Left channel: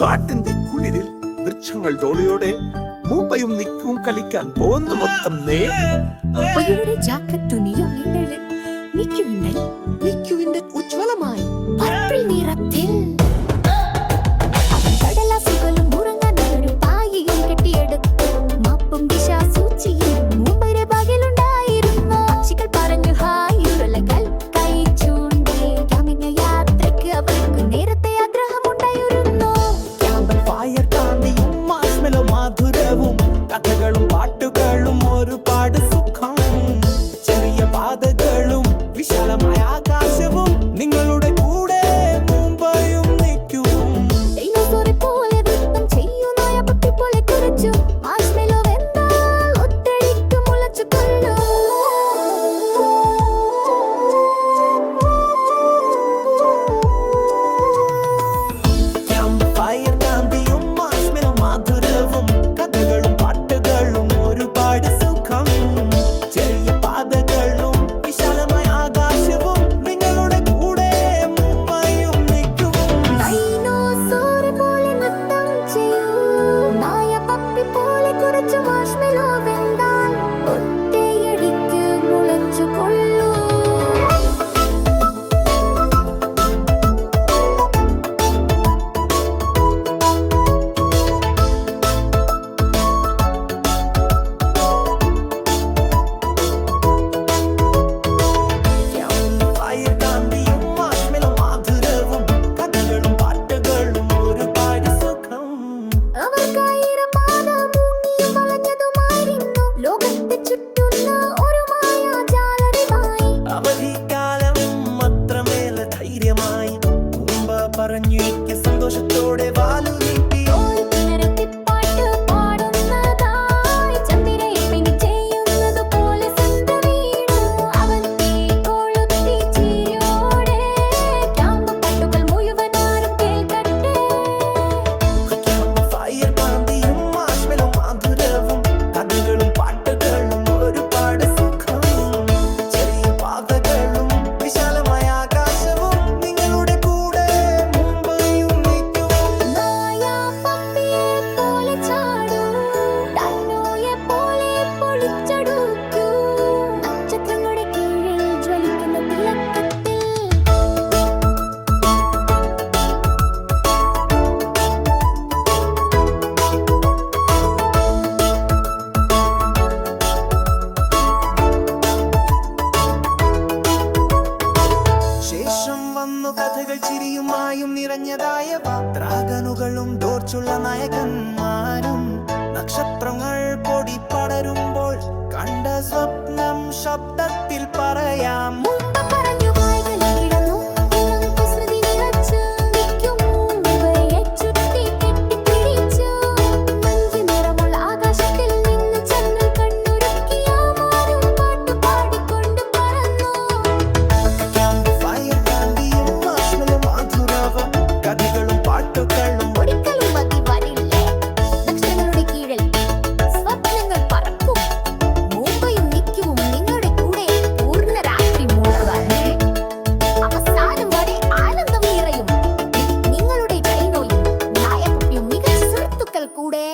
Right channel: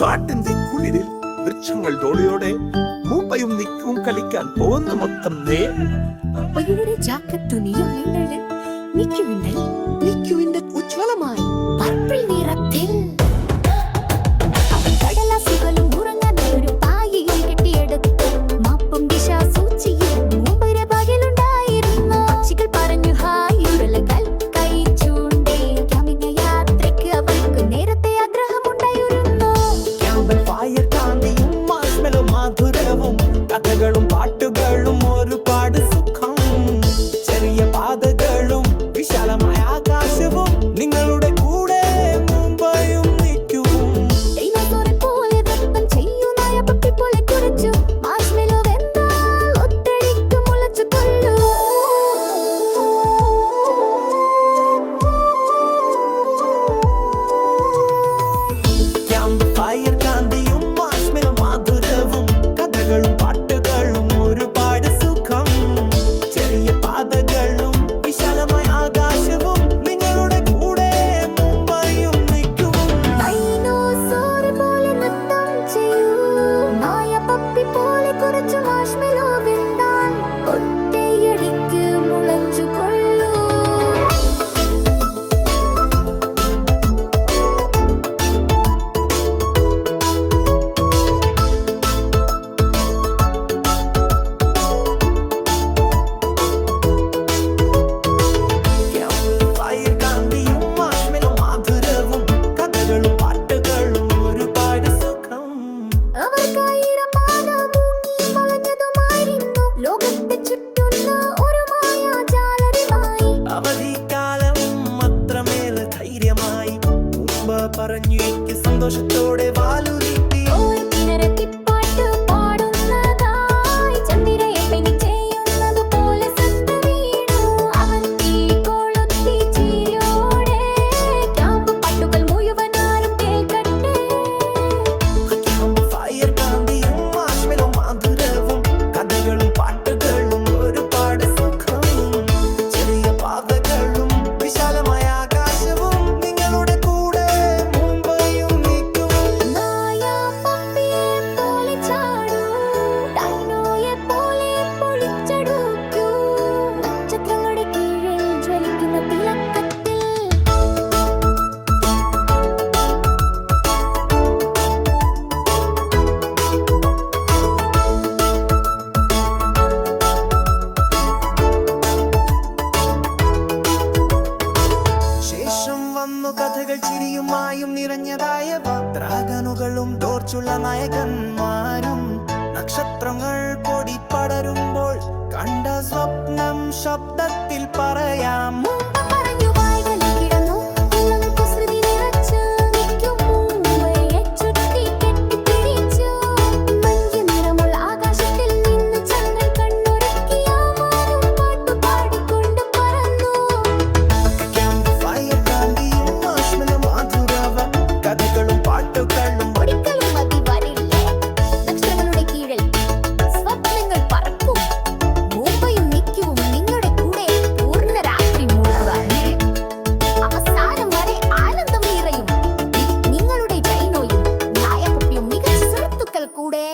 കാട്ടിന്റെ കുളിരിൽ വൃക്ഷങ്ങൾ തോളിയോടെ മുംബൈയും നിക്കും കളിക്കാൻ പോകുന്ന മൊത്തം നിക്കുവിന്റെ ഉജ്വലമായി പർപ്പിൾ നിറത്തിൽ അവൻ കടലാസുകളും ഉറങ്ങാൻ ഒരു പായയും കെട്ടിയെടുത്തു. മാപ്പും ദിശാസൂചിയും മുംബൈയുടെ പകലുണ്ടായിരുന്നു. പക്ഷികൾ പറഞ്ഞു ഹായ്, ഉരുളകൾ കൈ ചൂണ്ടി. ക്യാമ്പിംഗ് യാത്രയ്ക്ക് അവർക്ക് നേരത്തെ ആഗ്രഹമുണ്ടായിരുന്നു. ക്യാമ്പിൽ ഫയർ കാന്തിയും മാർഷ്മെലോ മധുരവും കഥകളും പാട്ടുകളും ഒരുപാട് സുഖം. ചെറിയ പാതകളും വിശാലമായ ആകാശവും നിങ്ങളുടെ കൂടെ മുംബൈയും നിൽക്കും. ഡൈനോസറെ പോലെ നൃത്തം ചെയ്യുന്ന പപ്പി പോലെ കുരച്ചു. മാർഷ്മെലോ വെന്താൽ ഒറ്റയടിക്ക് മുളച്ചു കൊള്ളൂ. ക്യാമ്പ് ഫയർ കാന്തിയും മാർഷ്മെലോ മധുരവും കഥകളും പാട്ടുകളും ഒരുപാട് സുഖം. ചെറിയ പാതകളും വിശാലമായ ആകാശവും നിങ്ങളുടെ കൂടെ മുംബൈയും നിൽക്കും. ഡൈനോസറെ പോലെ നൃത്തം ചെയ്യൂ, നായ പപ്പി പോലെ കുറച്ചു. മാർഷ്മെലോ വെന്താൽ ഒറ്റയടിക്ക് മുളച്ചു കൊള്ളൂ. ഫയർ കാന്തിയും മാർഷ്മെലോ മധുരവും കഥകളും പാട്ടുകളും ഒരുപാട് സുഖം. അവർക്കായിരപാത മുങ്ങിയും വളഞ്ഞതുമായിരുന്നു. ലോകത്തെ ചുറ്റുന്ന ഒരു മായാജാലറിവായി. അവധിക്കാലം അത്രമേൽ ധൈര്യമായി മുമ്പ് പറഞ്ഞു സന്തോഷത്തോടെ വാലു നീട്ടി. ഒരു കിണറത്തിപ്പാട്ട് പാടുന്നതായി ചന്ദ്രയെ പെനി ചെയ്യുന്നത് പോലെ സന്ത വീണു. അവൻ തീ കൊളുത്തി ചിരിയോടെ. ക്യാമ്പ് പാട്ടുകൾ മുഴുവനാരും കേൾക്കട്ടെ. ക്യാമ്പ് ഫയർ കാന്തിയും മാർഷ്മെലോ മധുരവും കഥകളും പാട്ടുകളും ഒരുപാട് സുഖം. ചെറിയ പാതകളും വിശാലമായ ആകാശവും നിങ്ങളുടെ കൂടെ മുംബൈയും നിൽക്കും. നായ പപ്പിയെ പോലെ ചാടൂ, ഡൈനോയെ പോലെ പൊളിച്ചടുക്കൂ. നക്ഷത്രങ്ങളുടെ കീഴിൽ ജ്വലിക്കുന്ന തിളക്കത്തിൽ ശേഷം വന്നു കഥകൾ ചിരിയുമായും നിറഞ്ഞതായവ. ഡ്രാഗനുകളും ദോർച്ചുള്ള നായകന്മാരും നക്ഷത്രങ്ങൾ പൊടി പടരുമ്പോൾ കണ്ട സ്വപ്നം ശബ്ദത്തിൽ പറയാം. മുമ്പ് പറഞ്ഞു വായ്കളെ കിടന്നു ഇളം കുസൃതി നിറച്ചു. നിൽക്കും മുംബൈയെ ചുറ്റി കെട്ടിപ്പിടിച്ചു. മഞ്ഞ് നിറമുള്ള ആകാശത്തിൽ നിന്ന് ചന്ദ്രൻ കണ്ണൊരുക്കിയ മാനും പാട്ടു പാടിക്കൊണ്ട് പറന്നു. ക്യാമ്പ് ഫയർ കാന്തിയും മാർഷ്മെലോ മധുരവ കഥകളും പാട്ടുകളും ഒരിക്കലും മതി വരില്ലേ. നക്ഷത്രങ്ങളുടെ കീഴിൽ സ്വപ്നങ്ങൾ പറക്കും. മുംബൈയും നിൽക്കും നിങ്ങളുടെ കൂടെ പൂർണ്ണ രാത്രി മുഴുവൻ. അവസാനം വരെ ആനന്ദം നിറയും. നിങ്ങളുടെ ഡൈനോയും നായപ്പപ്പിയും മികച്ച സുഹൃത്തുക്കൾ കൂടെ.